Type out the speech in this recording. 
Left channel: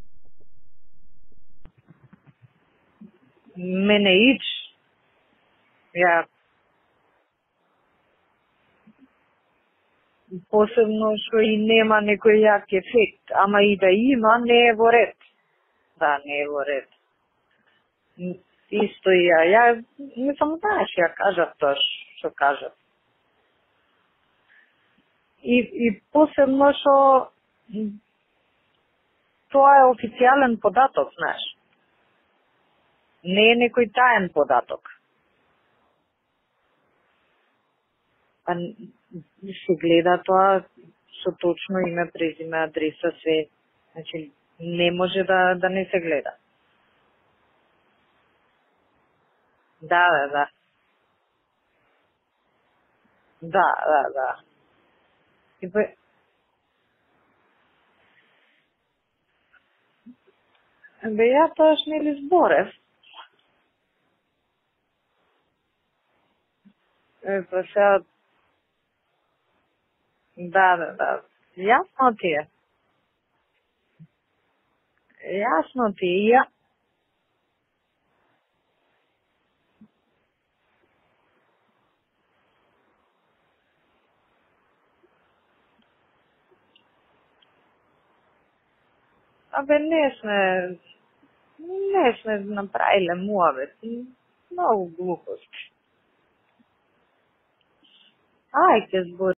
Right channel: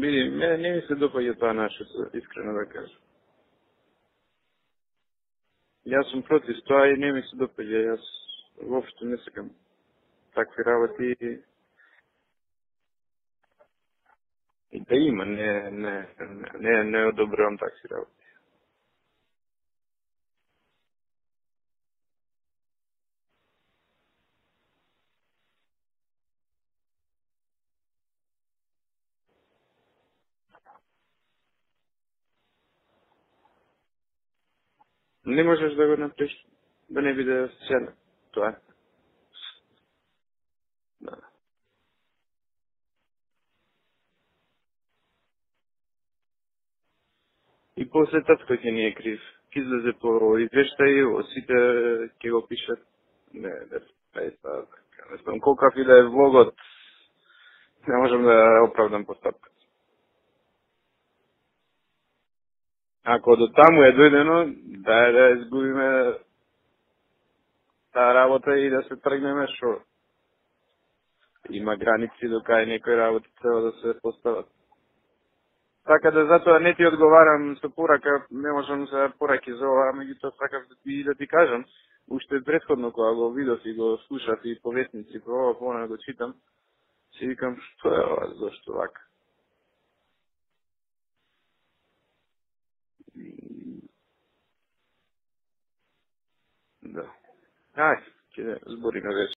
Види, мене не ми се допаѓа тоа наше, искрено да кажам. Мене ич. Јас сум против тоа и не ми се допаѓа, јас воопшто не сакам. Посебно што и нема некој јак ефект, ама и да има, не е во ред. Има, не не одобрувам такви работи. Исто и ја не само знаеш, ја кажав тоа што кажав. И посебно што тоа е официјален податок, знаеш. Не е некој таен податок. Не можеш да го направиш, да не биде сцена. Тоа. Се гледа тоа со точно име, презиме, адреса, све. Значи, не може да не се гледа. И после татко ќе ни е крив. Ќе излезе по извештај, сите ќе го пишат. Да. Не знам колкав и да е влогот, не можам да оправдам постапка. Ја тоаш нели зборев. Ако до таму е дојдено, да изгубиме работа и да се тргнеме шо. Да. Има граници до кај некои работи треба да се постават. Јасно така да затоа не ти одговарам со порака, не можам за пораки за ова, меѓутоа сакав да ти кажам, уште претходно кога го видов и го слушав и по вестници, по ова, по она го читам, си викам, што е ова, зашто вака? Не сме направиле муавет, многу глупости. Да. Ајде, ќе